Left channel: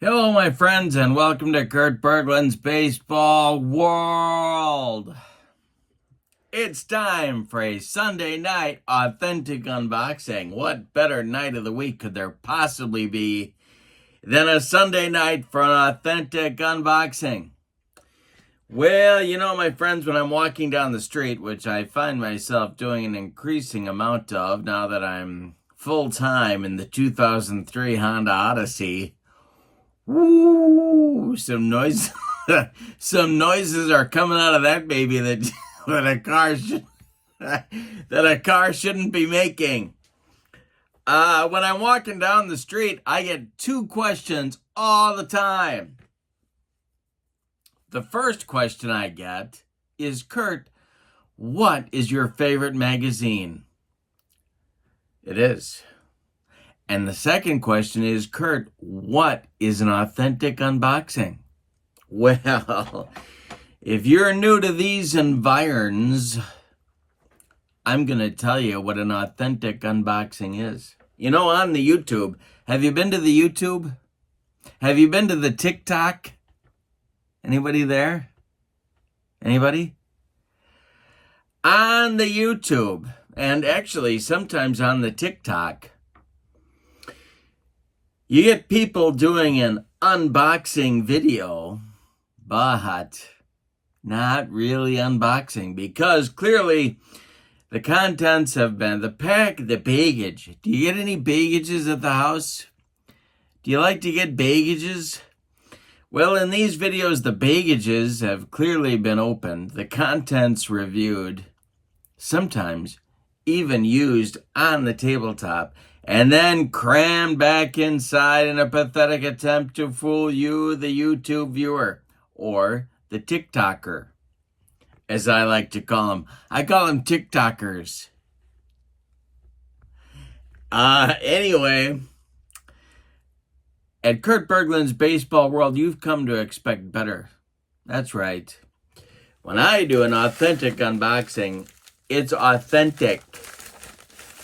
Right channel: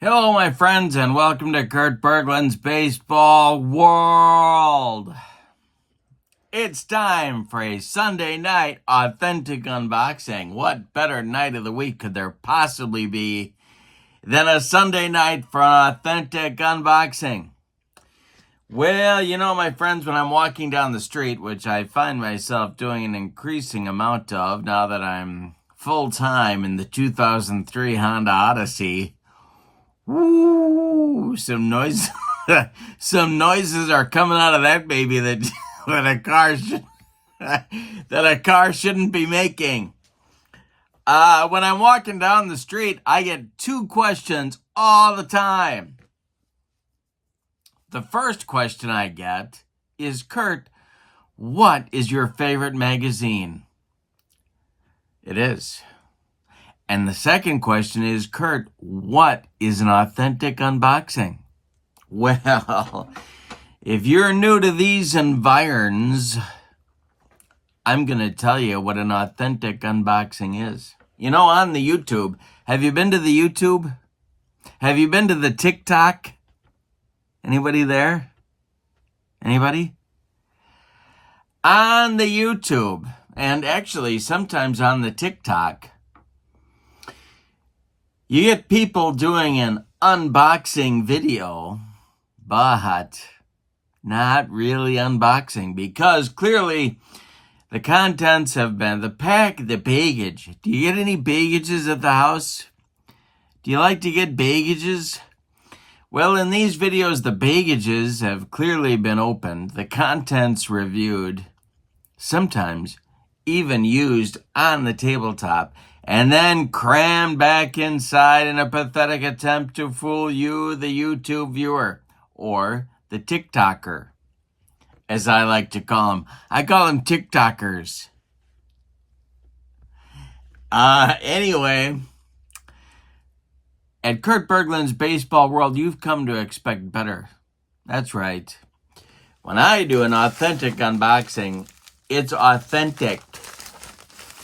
Hello, my friends, and welcome to Kurt Berglund's Baseball World. It's time for a Sunday night authentic unboxing. What better night of the week could there possibly be than a Sunday night for an authentic unboxing? Well, my friends, when I'm walking down the street, which I find myself doing an increasing amount of now that I'm full-time in the 2003 Honda Odyssey, woo, some noise, some noises are coming out of that baby that a car shouldn't be making. When I'm walking down the street, I get two questions all the time. The first question I get is, Kurt, what is your favorite magazine? It is. And the second question is, Kurt, what is an authentic unboxing? Well, if you're new to these environs, I'm going to tell you what an authentic unboxing is. On the YouTube, have you been to the YouTube? Have you been to the TikTok? Anybody there? Anybody? On the YouTube, and actually sometimes on the TikTok, you get people doing an unboxing video, but not really unboxing, because clearly the contents have been the baggage. Do you get any baggages at the house? Do you like to get baggages? Well, in these videos, the baggages have clearly been opened, the contents reviewed, sometimes even used on the tabletop, and then crammed back inside in a pathetic attempt to fool you, the YouTube viewer, or the TikToker, as I like to call them. I call them TikTokers. Anyway, at Kurt Berglund's Baseball World, you've come to expect better. That's right. When I do an authentic unboxing, it's authentic.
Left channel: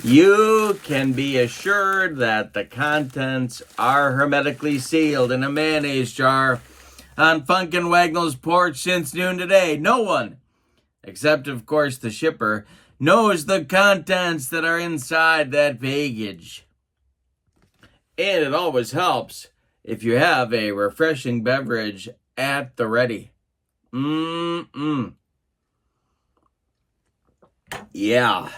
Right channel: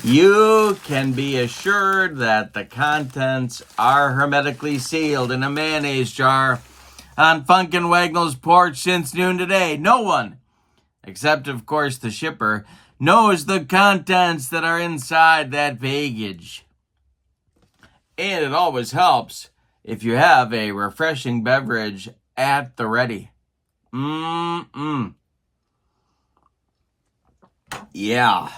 You can be assured that the contents are hermetically sealed in a mayonnaise jar on Funkin' Wagnall's porch since noon today. No one, except of course the shipper, knows the contents that are inside that baggage. And it always helps if you have a refreshing beverage at the ready. Yeah.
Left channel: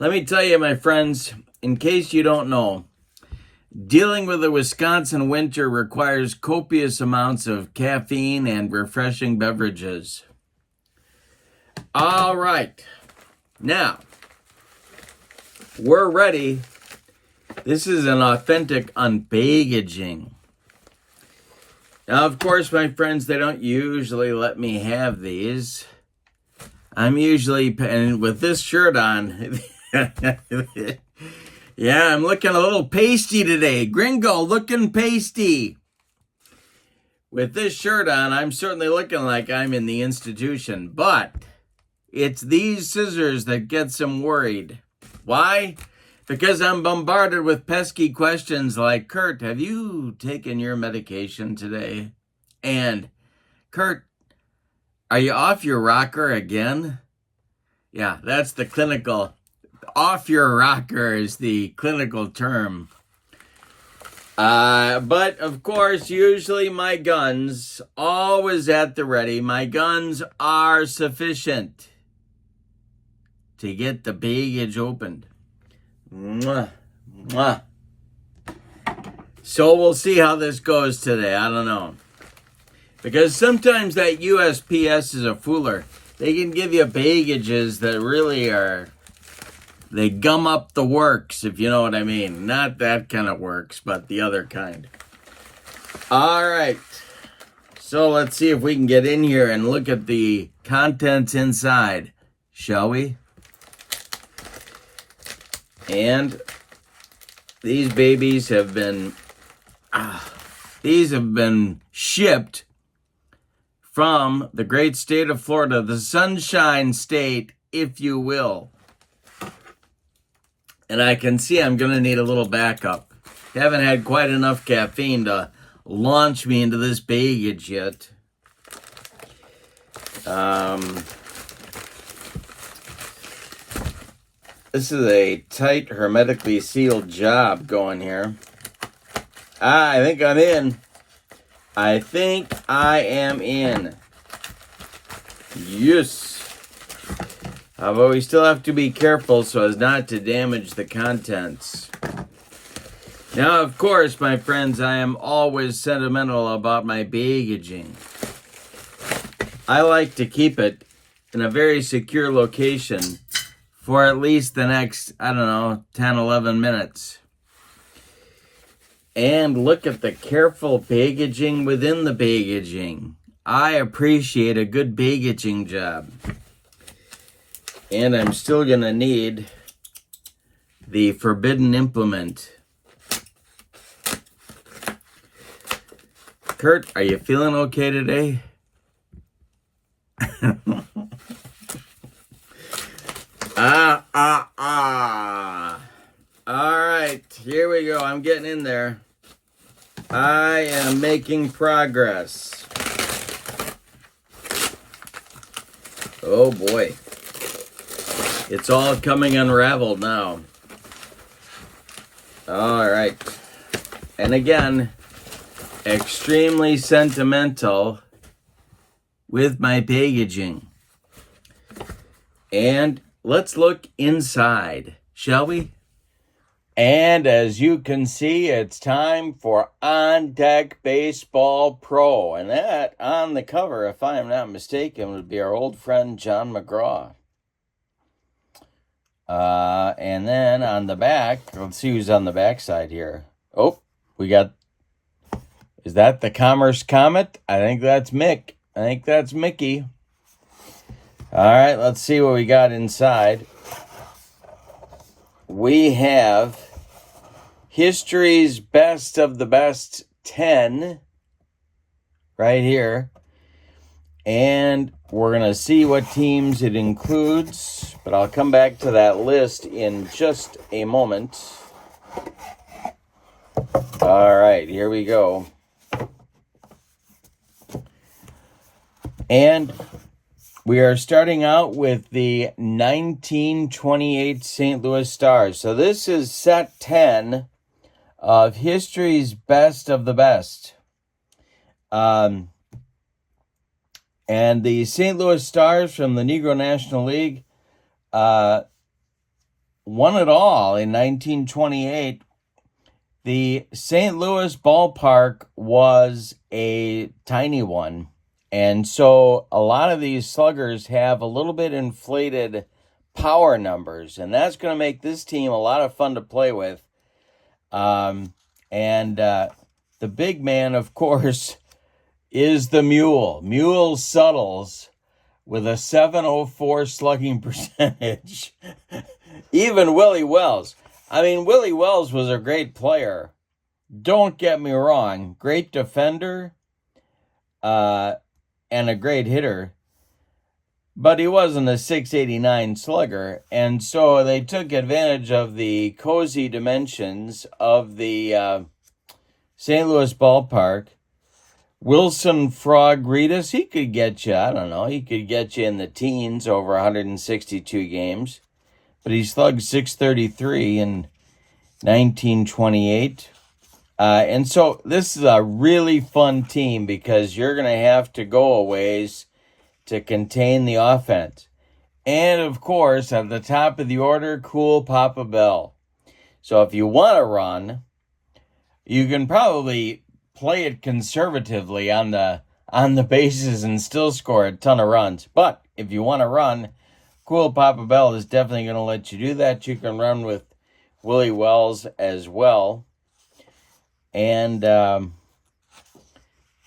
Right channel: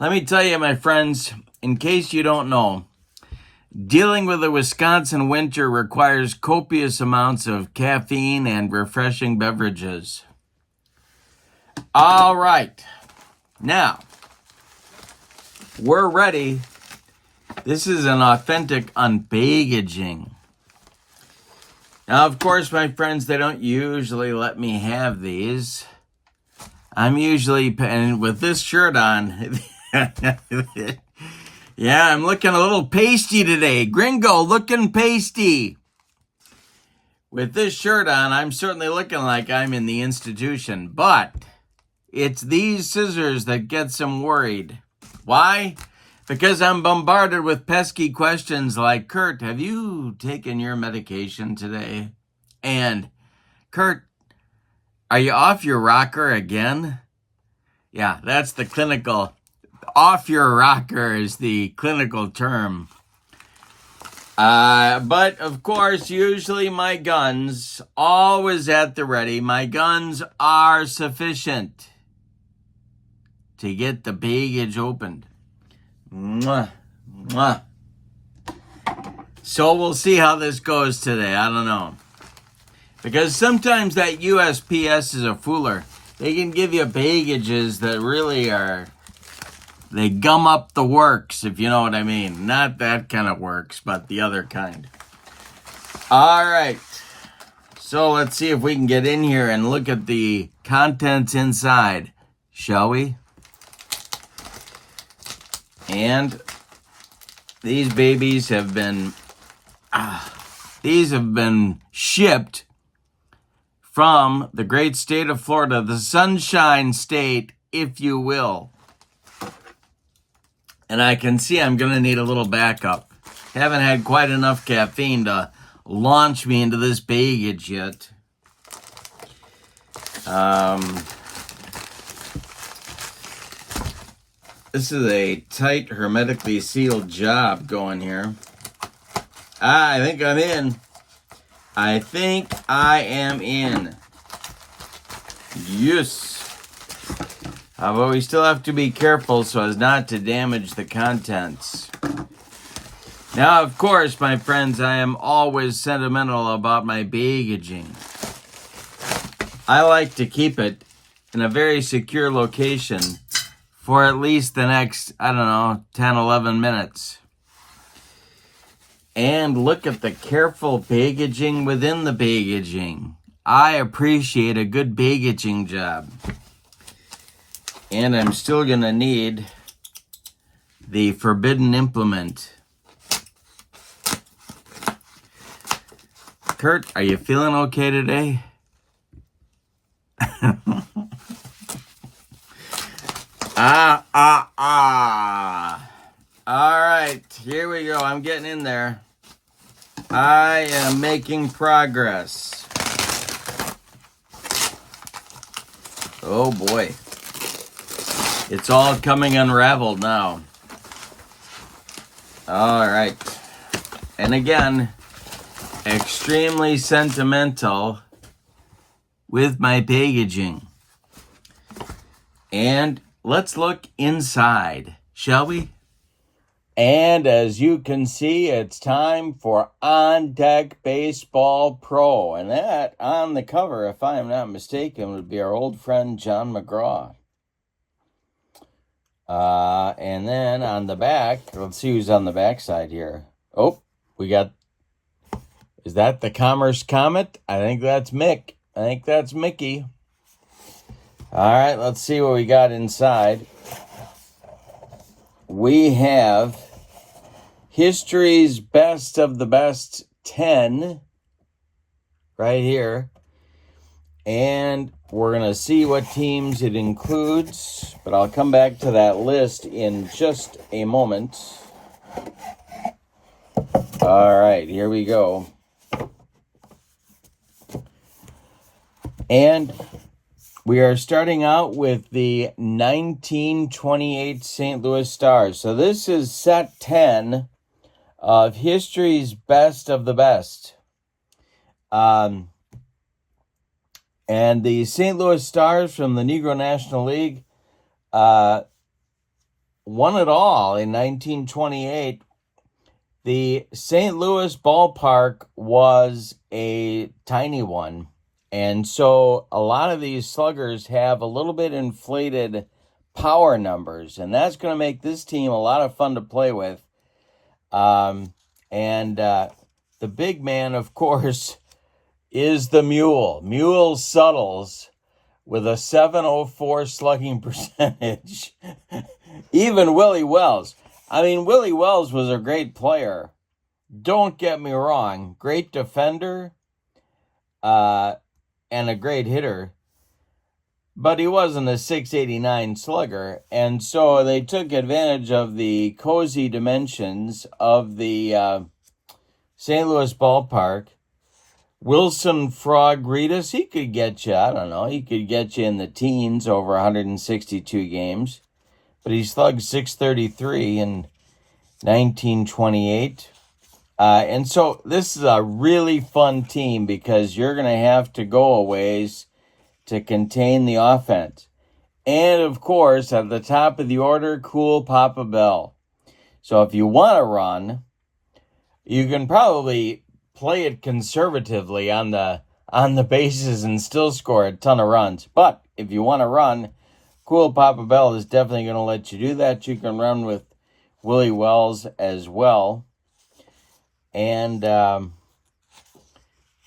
Let me tell you, my friends, in case you don't know, dealing with the Wisconsin winter requires copious amounts of caffeine and refreshing beverages. All right. Now, we're ready. This is an authentic unbaggaging. Now, of course, my friends, they don't usually let me have these. I'm usually, and with this shirt on, yeah, I'm looking a little pasty today. Gringo looking pasty. With this shirt on, I'm certainly looking like I'm in the institution, but it's these scissors that gets them worried. Why? Because I'm bombarded with pesky questions like, Kurt, have you taken your medication today? And, Kurt, are you off your rocker again? Yeah, that's the clinical. Off your rocker is the clinical term. But, of course, usually my guns, always at the ready, my guns are sufficient to get the baggage opened. Mwah, mwah. So we'll see how this goes today. I don't know. Because sometimes that USPS is a fooler. They can give you baggages that really are, they gum up the works, if you know what I mean. Not that kind of works, but the other kind. All right. So let's see if we can get in here and look at the contents inside, shall we? And these babies have been, shipped from the great state of Florida, the Sunshine State, if you will. And I can see I'm going to need a little backup. Haven't had quite enough caffeine to launch me into this baggage yet. This is a tight, hermetically sealed job going here. I think I'm in. I think I am in. Yes. But we still have to be careful so as not to damage the contents. Now, of course, my friends, I am always sentimental about my baggaging. I like to keep it in a very secure location for at least the next, 10, 11 minutes. And look at the careful baggaging within the baggaging. I appreciate a good baggaging job. And I'm still going to need the forbidden implement. Kurt, are you feeling okay today? All right, here we go. I'm getting in there. I am making progress. Oh boy. It's all coming unraveled now. All right. And again, extremely sentimental with my packaging. And let's look inside, shall we? And as you can see, it's time for On Deck Baseball Pro. And that, on the cover, if I am not mistaken, would be our old friend John McGraw. And then on the back, let's see who's on the back side here. Oh, we got, is that the Commerce Comet? I think that's Mick. I think that's Mickey. All right, let's see what we got inside. We have History's Best of the Best 10 right here. And we're going to see what teams it includes, but I'll come back to that list in just a moment. All right, here we go. And we are starting out with the 1928 St. Louis Stars. So this is set 10 of History's Best of the Best. And the St. Louis Stars from the Negro National League won it all in 1928. The St. Louis ballpark was a tiny one. And so a lot of these sluggers have a little bit inflated power numbers. And that's going to make this team a lot of fun to play with. The big man, of course, is the Mule. Mule Suttles with a 704 slugging percentage. Even Willie Wells. I mean, Willie Wells was a great player. Don't get me wrong. Great defender and a great hitter. But he wasn't a 689 slugger. And so they took advantage of the cozy dimensions of the St. Louis ballpark. Wilson Frog Reedus, he could get you, he could get you in the teens over 162 games. But he slugged 633 in 1928. And so this is a really fun team because you're going to have to go a ways to contain the offense. And, of course, at the top of the order, Cool Papa Bell. So if you want to run, you can probably play it conservatively on the bases and still score a ton of runs. But if you want to run, Cool Papa Bell is definitely going to let you do that. You can run with Willie Wells as well. And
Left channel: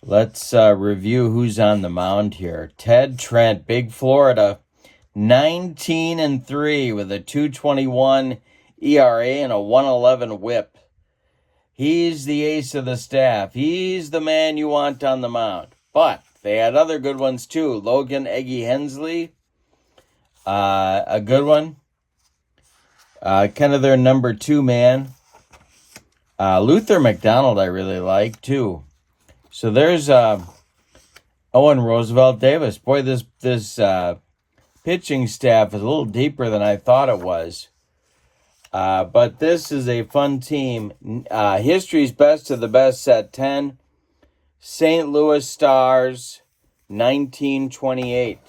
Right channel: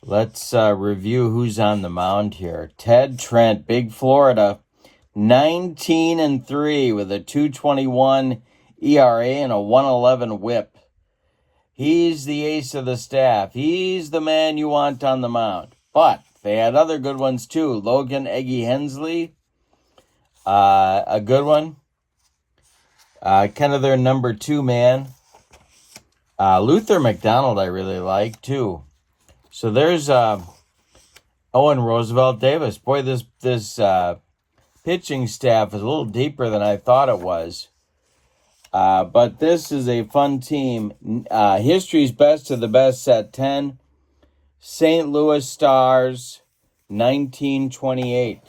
let's review who's on the mound here. Ted Trent, Big Florida, 19-3 with a 2.21 ERA and a 1.11 WHIP. He's the ace of the staff. He's the man you want on the mound. But they had other good ones too. Logan Eggy Hensley, a good one. Kind of their number 2 man. Luther McDonald I really like, too. So there's Owen Roosevelt Davis. Boy, this pitching staff is a little deeper than I thought it was. But this is a fun team. History's best of the best, set 10. St. Louis Stars, 1928.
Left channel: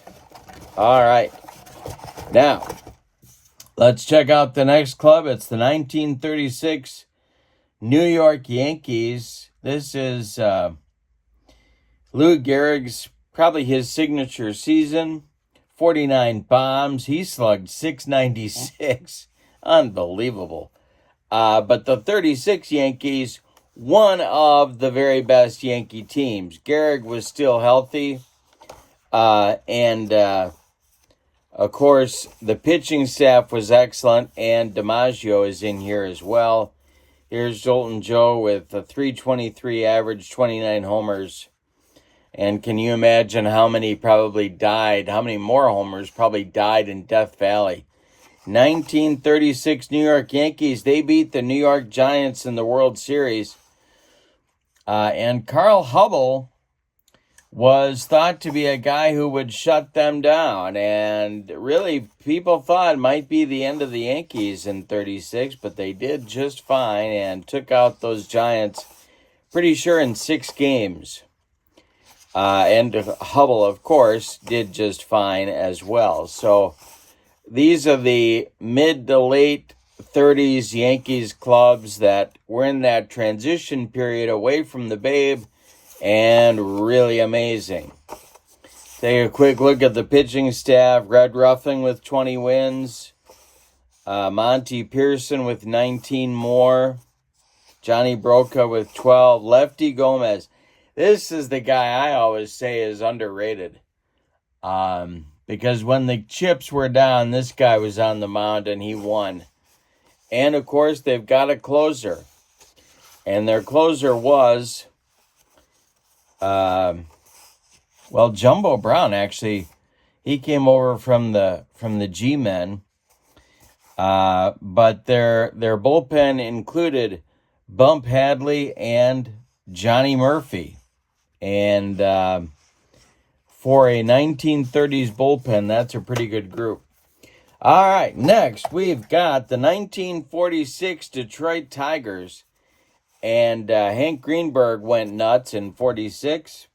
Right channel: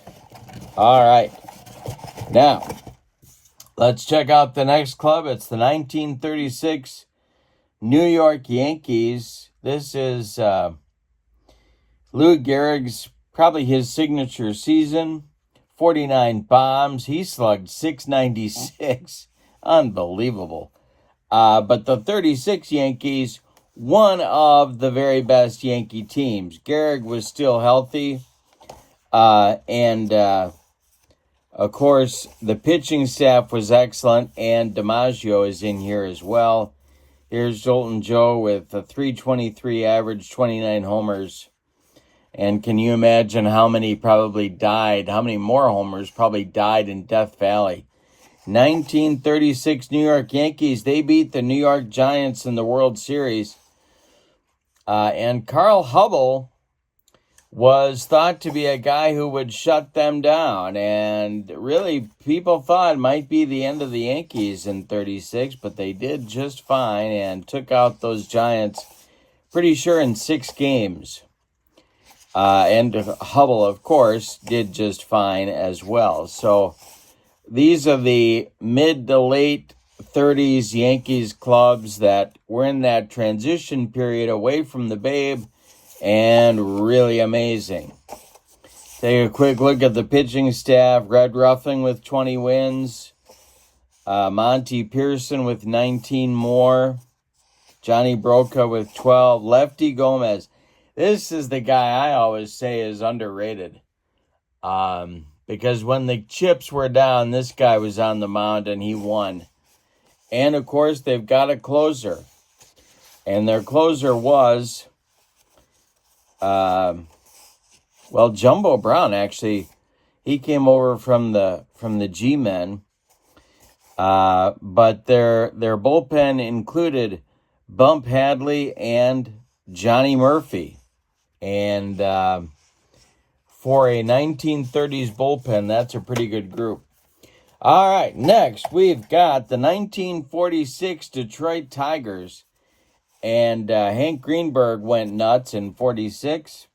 All right. Now, let's check out the next club. It's the 1936 New York Yankees. This is Lou Gehrig's, probably his signature season. 49 bombs. He slugged .696. Unbelievable. But the 36 Yankees, one of the very best Yankee teams. Gehrig was still healthy. And of course, the pitching staff was excellent. And DiMaggio is in here as well. Here's Jolton Joe with a .323 average, 29 homers. And can you imagine how many probably died, how many more homers probably died in Death Valley? 1936 New York Yankees, they beat the New York Giants in the World Series. And Carl Hubble was thought to be a guy who would shut them down. And really, people thought it might be the end of the Yankees in 36, but they did just fine and took out those Giants, pretty sure in 6 games. And Hubble, of course, did just fine as well. So these are the mid to late 30s Yankees clubs that were in that transition period away from the Babe, and really amazing. Take a quick look at the pitching staff. Red Ruffing with 20 wins. Monty Pearson with 19 more. Johnny Broca with 12. Lefty Gomez. This is the guy I always say is underrated. Because when the chips were down, this guy was on the mound and he won. And, of course, they've got a closer. And their closer was, Jumbo Brown, actually. He came over from the G-Men. But their bullpen included Bump Hadley and Johnny Murphy. And for a 1930s bullpen, that's a pretty good group. All right, next we've got the 1946 Detroit Tigers. And Hank Greenberg went nuts in 46.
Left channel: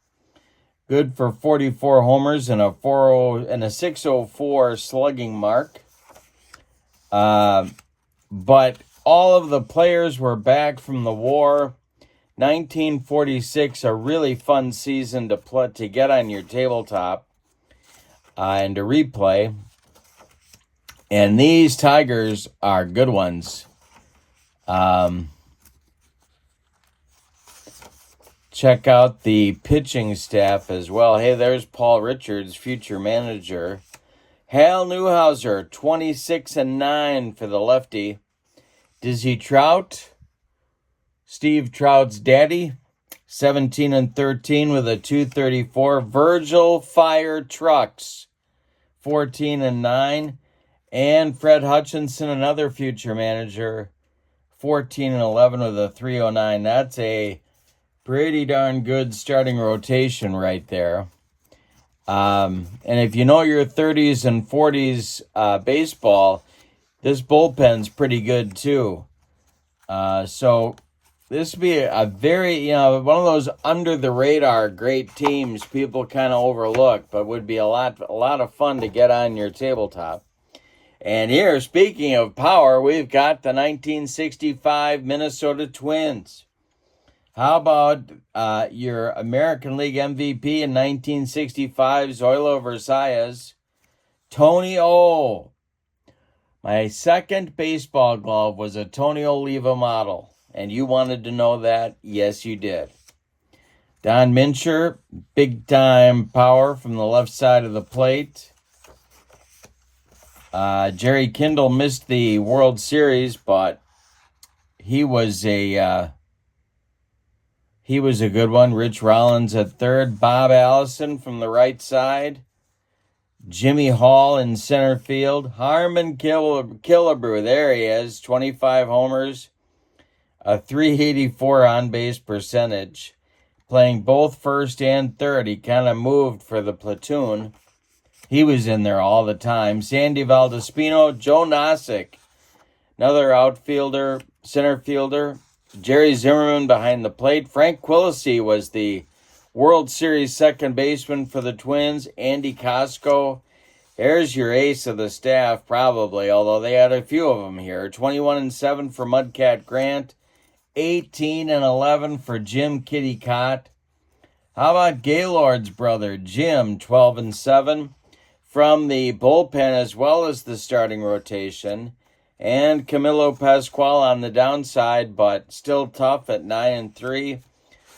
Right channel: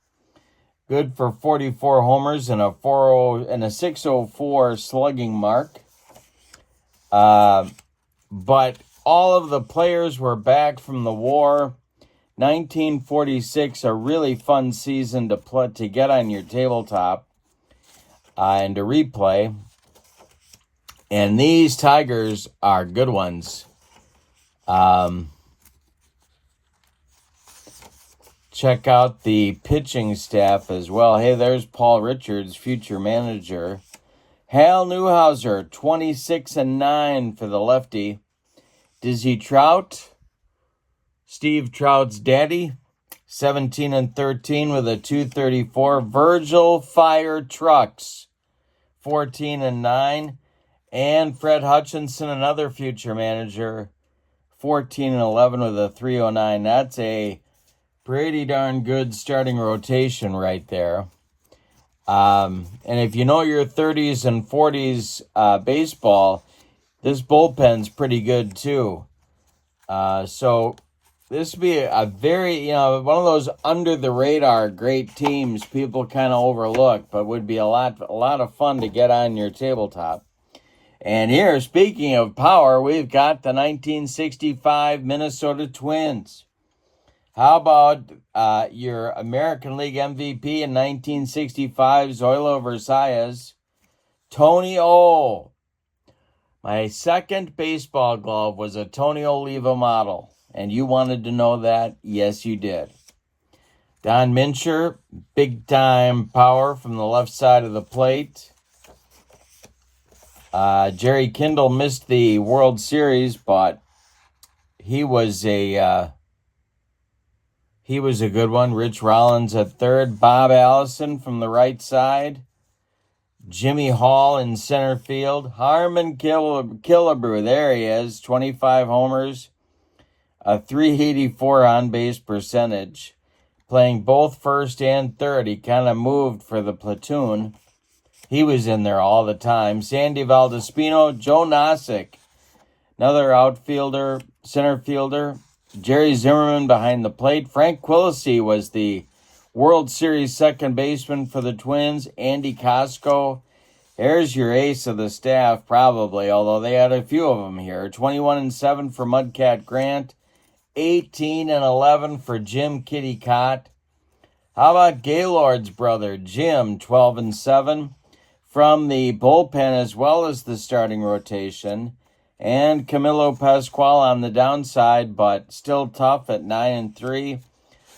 Good for 44 homers and a 604 slugging mark. But all of the players were back from the war. 1946, a really fun season to get on your tabletop and to replay. And these Tigers are good ones. Check out the pitching staff as well. Hey, there's Paul Richards, future manager. Hal Newhouser, 26-9 for the lefty. Dizzy Trout, Steve Trout's daddy, 17-13 with a .234. Virgil Fire Trucks, 14-9. And Fred Hutchinson, another future manager, 14-11 with a .309. That's a pretty darn good starting rotation right there. And if you know your 30s and 40s baseball, this bullpen's pretty good too. So this would be a very, one of those under the radar great teams people kind of overlook, but would be a lot of fun to get on your tabletop. And here, speaking of power, we've got the 1965 Minnesota Twins. How about your American League MVP in 1965, Zoilo Versalles, Tony O. My second baseball glove was a Tony Oliva model, and you wanted to know that? Yes, you did. Don Mincher, big-time power from the left side of the plate. Jerry Kindle missed the World Series, but he was a good one. Rich Rollins at third. Bob Allison from the right side. Jimmy Hall in center field. Harmon Killebrew, there he is, 25 homers. a .384 on-base percentage, playing both first and third. He kind of moved for the platoon. He was in there all the time. Sandy Valdespino, Joe Nosek, another outfielder, center fielder. Jerry Zimmerman behind the plate. Frank Quilisi was the World Series second baseman for the Twins. Andy Costco. There's your ace of the staff, probably, although they had a few of them here. 21-7 for Mudcat Grant. 18-11 for Jim Kitty Cott. How about Gaylord's brother, Jim, 12-7 from the bullpen as well as the starting rotation. And Camilo Pascual on the downside, but still tough at 9-3.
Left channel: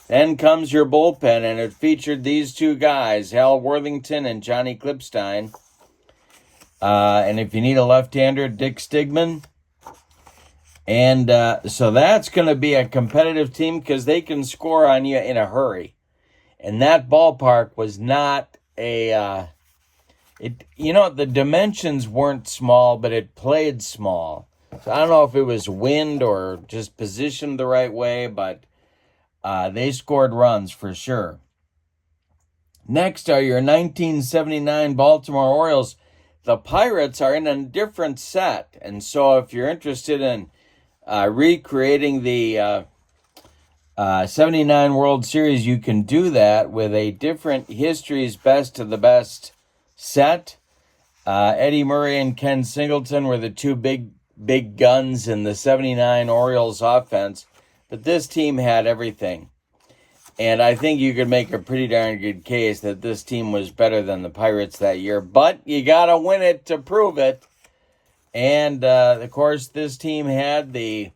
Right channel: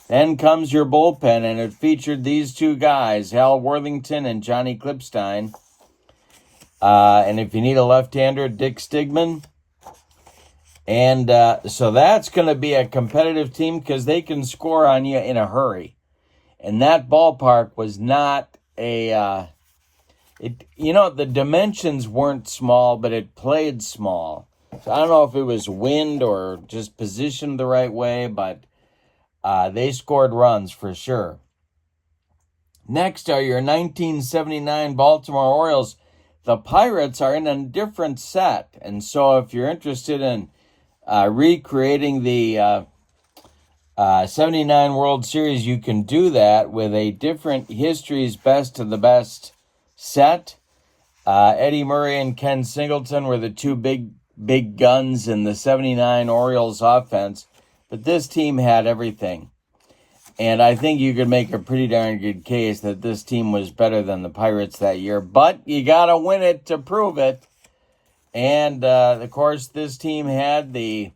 Then comes your bullpen, and it featured these two guys, Hal Worthington and Johnny Klipstein. And if you need a left-hander, Dick Stigman. And so that's going to be a competitive team because they can score on you in a hurry. And that ballpark was not a, the dimensions weren't small, but it played small. So I don't know if it was wind or just positioned the right way, but they scored runs for sure. Next are your 1979 Baltimore Orioles. The Pirates are in a different set. And so if you're interested in recreating the 79 World Series, you can do that with a different history's best of the best set. Eddie Murray and Ken Singleton were the two big guns in the 79 Orioles offense, but this team had everything. And I think you could make a pretty darn good case that this team was better than the Pirates that year, but you got to win it to prove it. And, of course, this team had the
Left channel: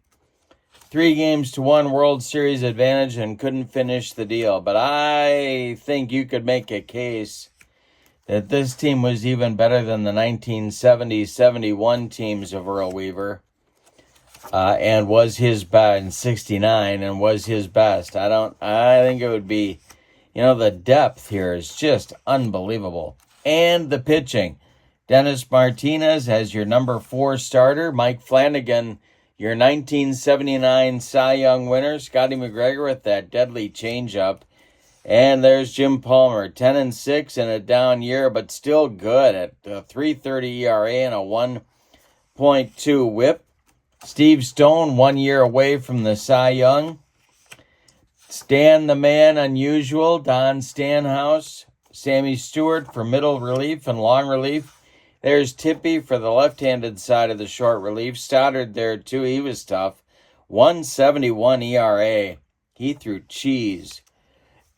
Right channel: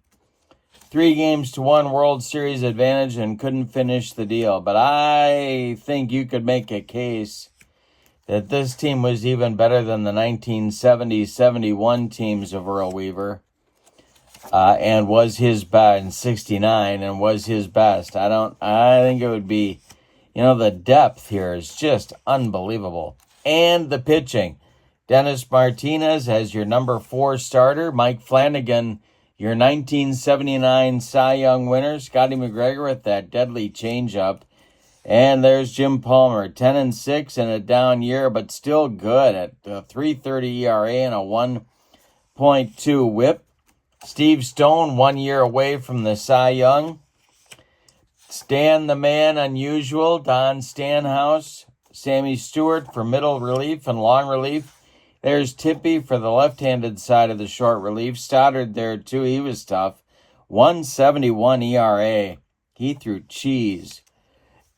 3-1 World Series advantage and couldn't finish the deal. But I think you could make a case that this team was even better than the 1970-71 teams of Earl Weaver. And was his best in 69 and was his best. I think it would be, the depth here is just unbelievable. And the pitching. Dennis Martinez as your number 4 starter. Mike Flanagan, your 1979 Cy Young winner. Scotty McGregor with that deadly changeup. And there's Jim Palmer, 10-6 in a down year, but still good at a 3.30 ERA and a 1.2 WHIP. Steve Stone, 1 year away from the Cy Young. Stan the Man Unusual, Don Stanhouse. Sammy Stewart for middle relief and long relief. There's Tippy for the left-handed side of the short relief. Stoddard there, too. He was tough. 1.71 ERA. He threw cheese.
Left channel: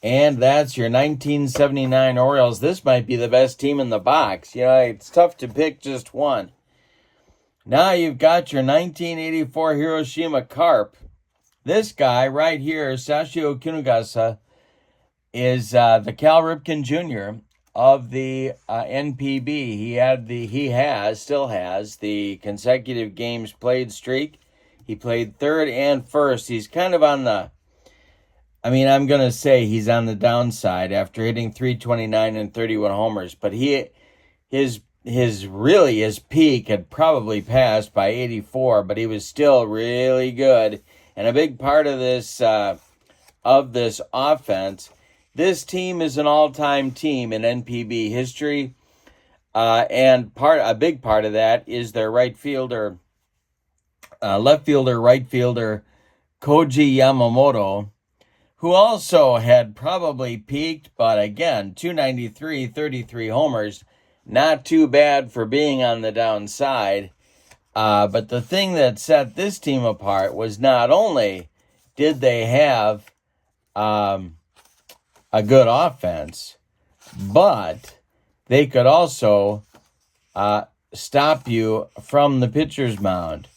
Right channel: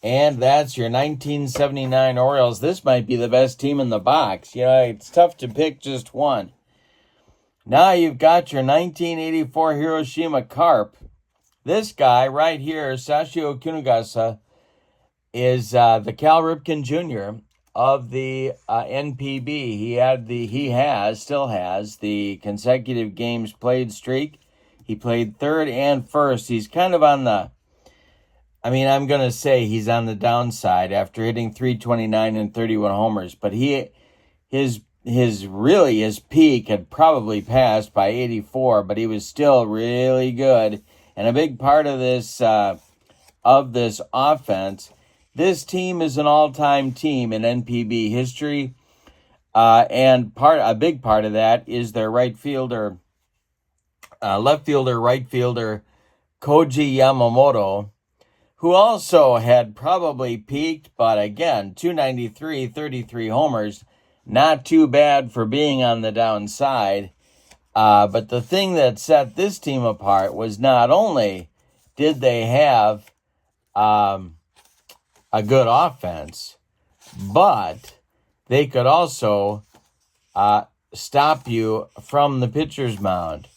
And that's your 1979 Orioles. This might be the best team in the box. It's tough to pick just one. Now you've got your 1984 Hiroshima Carp. This guy right here, Sashio Kunigasa, is the Cal Ripken Jr. of the NPB. He still has the consecutive games played streak. He played third and first. He's kind of on the, I'm going to say he's on the downside after hitting 329 and 31 homers. But his peak had probably passed by 84, but he was still really good. And a big part of this offense, this team is an all-time team in NPB history. And a big part of that is their left fielder, right fielder, Koji Yamamoto, who also had probably peaked, but again, 293, 33 homers. Not too bad for being on the downside. But the thing that set this team apart was not only did they have a good offense, but they could also stop you from the pitcher's mound.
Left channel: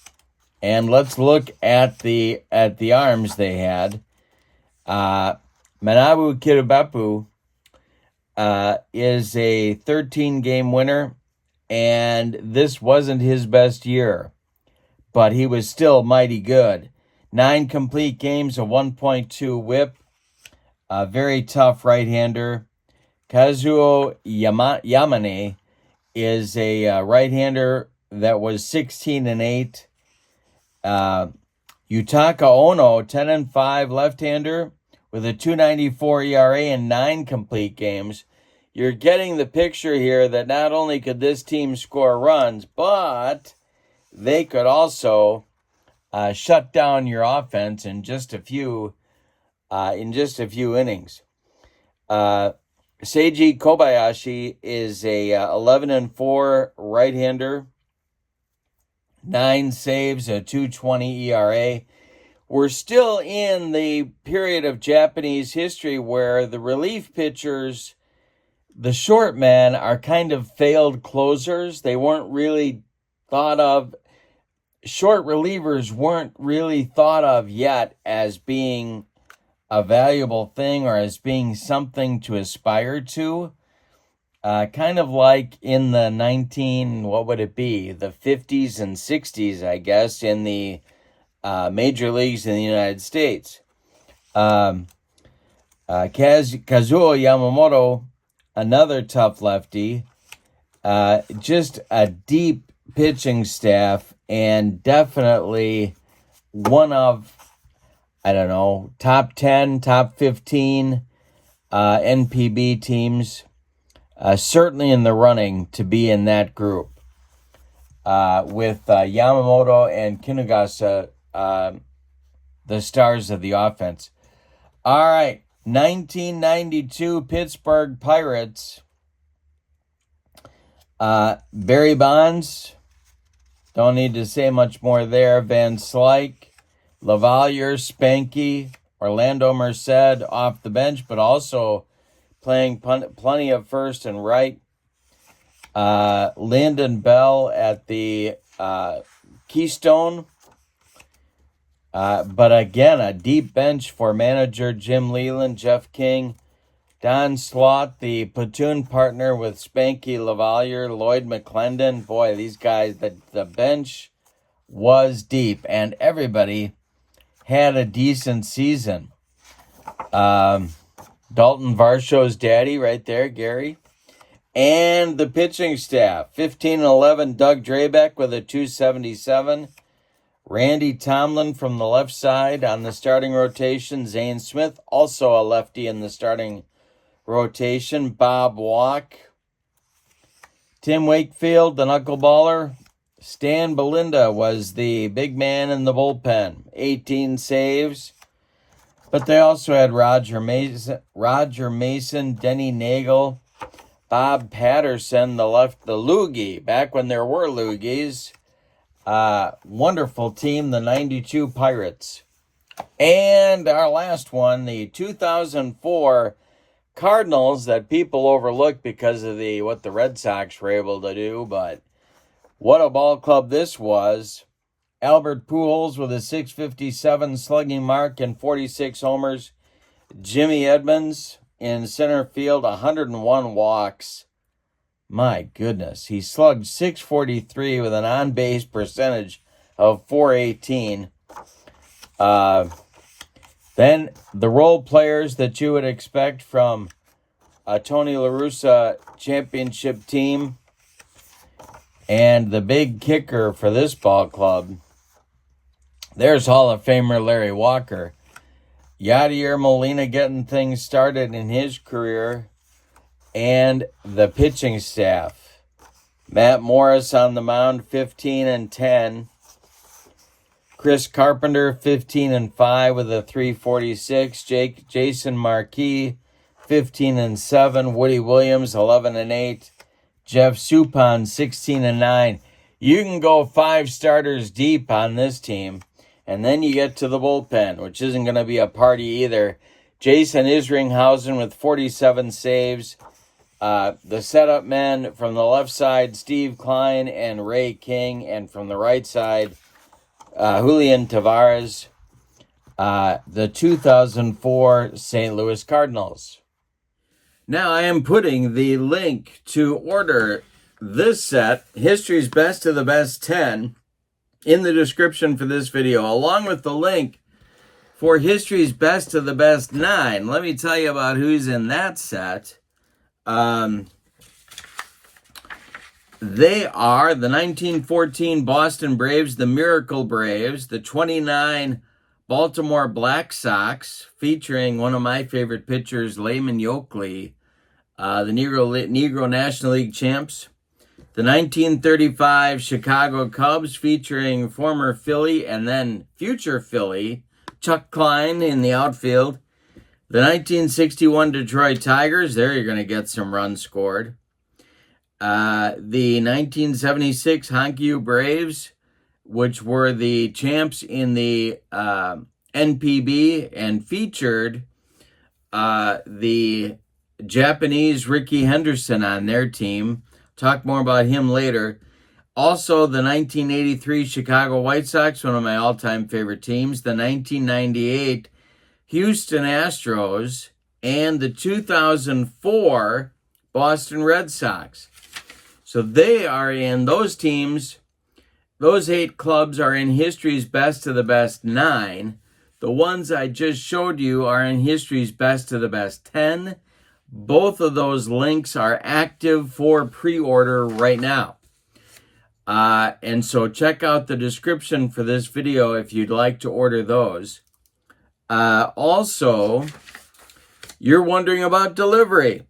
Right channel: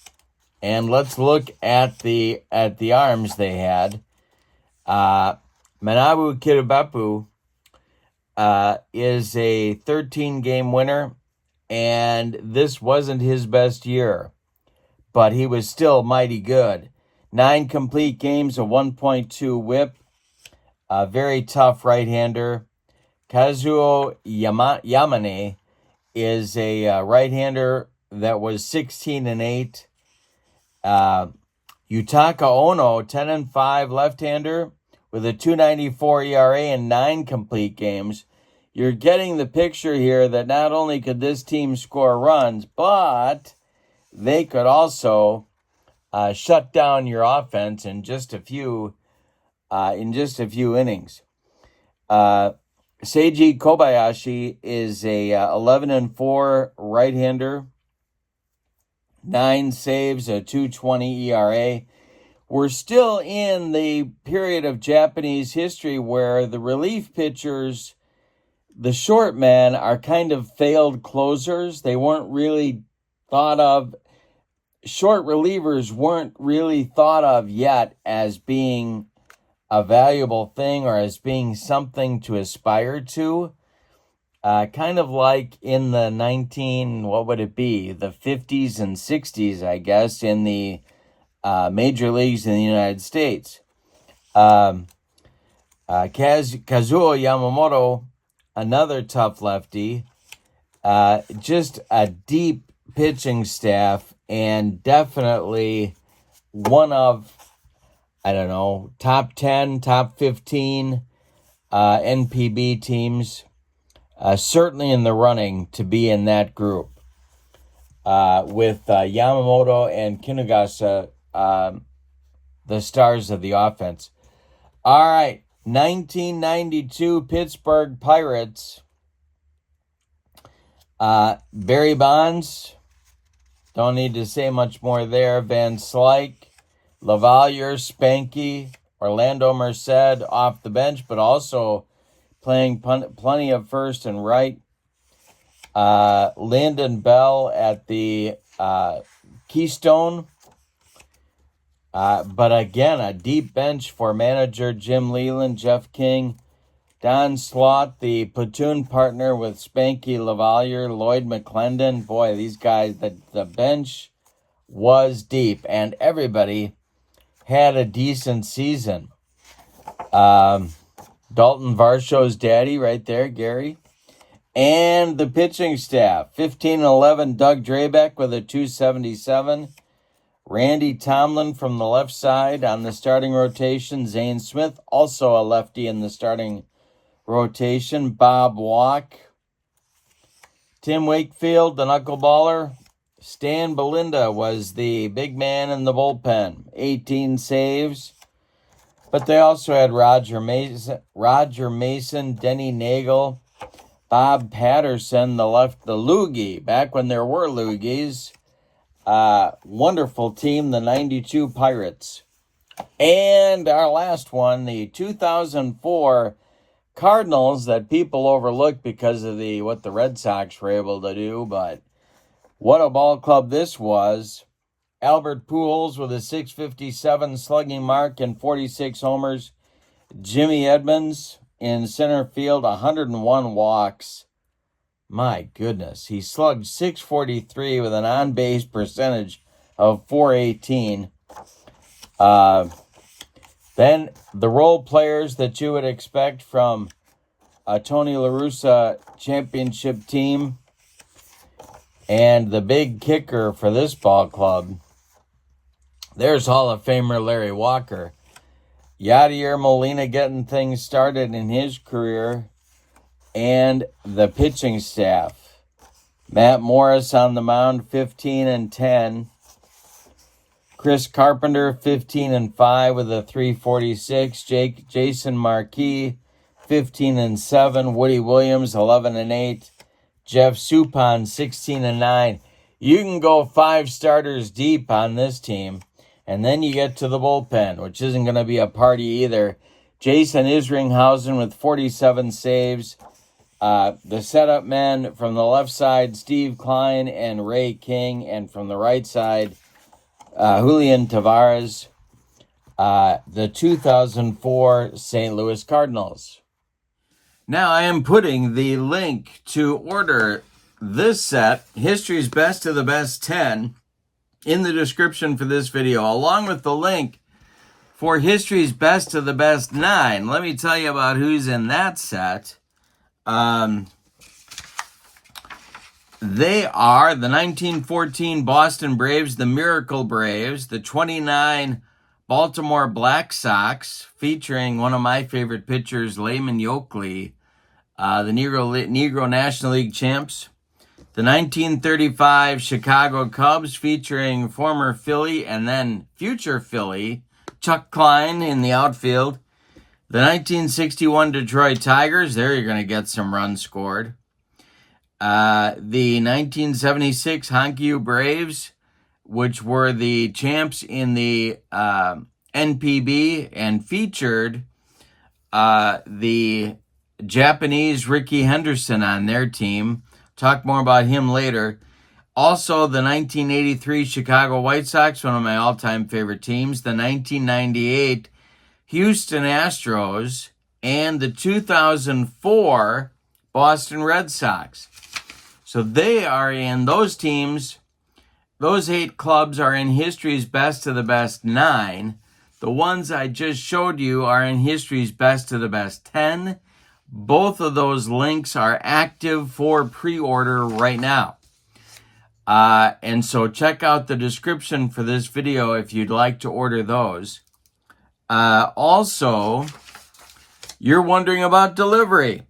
And let's look at the arms they had. Manabu Kiribapu is a 13-game winner, and this wasn't his best year, but he was still mighty good. 9 complete games, a 1.2 WHIP, a very tough right-hander. Kazuo Yamane is a right-hander that was 16-8. Yutaka Ono, 10-5 left-hander with a 2.94 ERA and 9 complete games. You're getting the picture here that not only could this team score runs, but they could also shut down your offense in just a few innings. Seiji Kobayashi is a 11-4 right-hander, 9 saves, a 2.20 ERA. We're still in the period of Japanese history where the relief pitchers, the short men, are kind of failed closers. They weren't really thought of. Short relievers weren't really thought of yet as being a valuable thing or as being something to aspire to. Kind of like in the the 50s and 60s, I guess, in the major leagues in the United States. Kazuo Yamamoto, another tough lefty, just a deep pitching staff, and definitely one of, top 10, top 15 NPB teams, certainly in the running to be in that group, with Yamamoto and Kinugasa, the stars of the offense. All right, 1992 Pittsburgh Pirates. Barry Bonds, don't need to say much more there. Van Slyke, Lavalier, Spanky, Orlando Merced off the bench, but also playing plenty of first and right. Lyndon Bell at the Keystone. But again, a deep bench for manager Jim Leland, Jeff King, Don Slaught, the platoon partner with Spanky Lavalier, Lloyd McClendon. Boy, these guys, the bench was deep, and everybody had a decent season. Dalton Varsho's daddy right there, Gary. And the pitching staff, 15-11, Doug Drabeck with a 277. Randy Tomlin from the left side on the starting rotation. Zane Smith, also a lefty in the starting rotation. Bob Walk. Tim Wakefield, the knuckleballer. Stan Belinda was the big man in the bullpen. 18 saves. But they also had Roger Mason, Denny Nagel, Bob Patterson, the loogie, back when there were loogies. Wonderful team, the 92 Pirates. And our last one, the 2004 Cardinals, that people overlooked because of what the Red Sox were able to do, but what a ball club this was. Albert Pujols with a 657 slugging mark and 46 homers. Jimmy Edmonds in center field, 101 walks. My goodness, he slugged 643 with an on-base percentage of 418. Then the role players that you would expect from a Tony La Russa championship team. And the big kicker for this ball club, there's Hall of Famer Larry Walker. Yadier Molina getting things started in his career. And the pitching staff. Matt Morris on the mound, 15-10. Chris Carpenter, 15-5 with a 346. Jason Marquis, 15-7. Woody Williams, 11-8. Jeff Suppan, 16-9. You can go 5 starters deep on this team, and then you get to the bullpen, which isn't going to be a party either. Jason Isringhausen with 47 saves. The setup men from the left side, Steve Klein and Ray King, and from the right side, Julian Tavares, the 2004 St. Louis Cardinals. Now I am putting the link to order this set, History's Best of the Best 10, in the description for this video, along with the link for History's Best of the Best 9. Let me tell you about who's in that set. They are the 1914 Boston Braves, the Miracle Braves, the 29 Baltimore Black Sox, featuring one of my favorite pitchers, Layman Yoakley, the Negro National League champs. The 1935 Chicago Cubs, featuring former Philly and then future Philly, Chuck Klein in the outfield. The 1961 Detroit Tigers, there you're going to get some runs scored. The 1976 Hankyu Braves, which were the champs in the NPB and featured the Japanese Rickey Henderson on their team. Talk more about him later. Also, the 1983 Chicago White Sox, one of my all-time favorite teams. The 1998 Houston Astros, and the 2004 Boston Red Sox. So they are in those teams. Those 8 clubs are in history's best of the best 9. The ones I just showed you are in history's best of the best 10. Both of those links are active for pre-order right now. And so check out the description for this video if you'd like to order those. Also, you're wondering about delivery.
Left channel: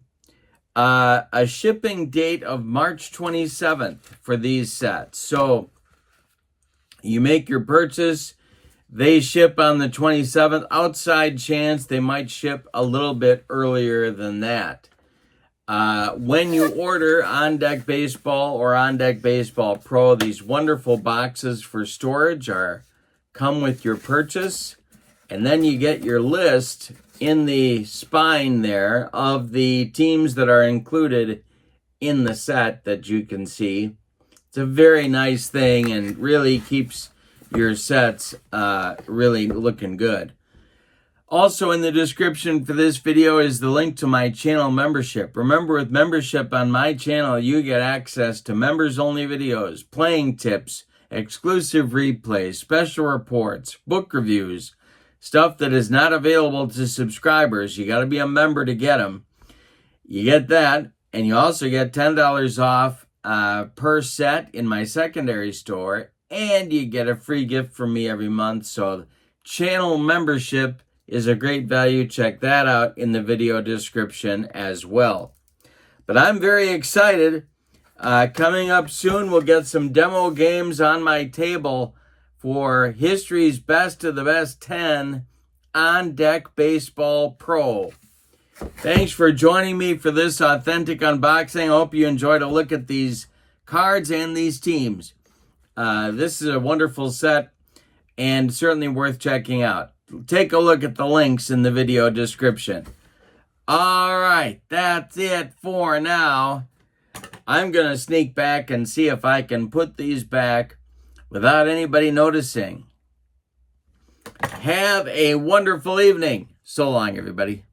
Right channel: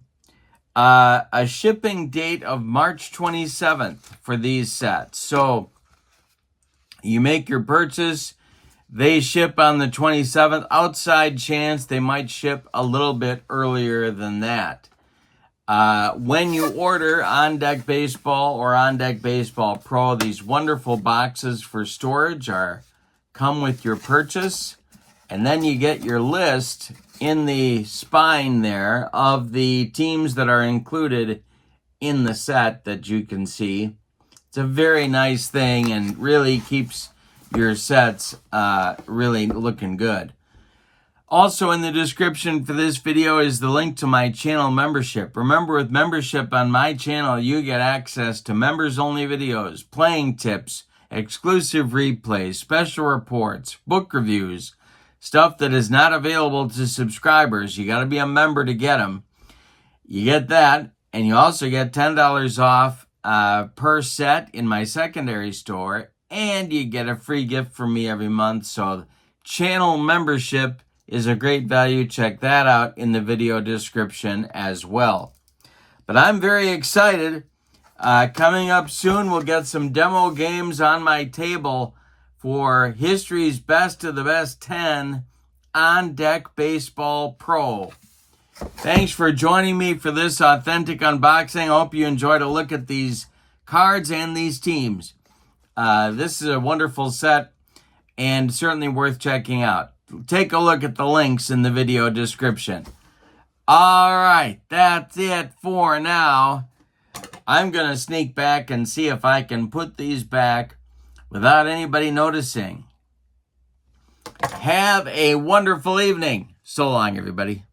A shipping date of March 27th for these sets. So you make your purchase, they ship on the 27th. Outside chance they might ship a little bit earlier than that. When you order On Deck Baseball or On Deck Baseball Pro, these wonderful boxes for storage come with your purchase. And then you get your list in the spine there of the teams that are included in the set that you can see. It's a very nice thing and really keeps your sets really looking good. Also in the description for this video is the link to my channel membership. Remember, with membership on my channel, you get access to members-only videos, playing tips, exclusive replays, special reports, book reviews, stuff that is not available to subscribers. You got to be a member to get them. You get that, and you also get $10 off per set in my secondary store, and you get a free gift from me every month. So channel membership is a great value. Check that out in the video description as well. But I'm very excited. Coming up soon, we'll get some demo games on my table for history's best of the best 10 On Deck Baseball Pro. Thanks for joining me for this authentic unboxing. I hope you enjoyed a look at these cards and these teams. This is a wonderful set and certainly worth checking out. Take a look at the links in the video description. All right, that's it for now. I'm going to sneak back and see if I can put these back without anybody noticing. Have a wonderful evening. So long, everybody.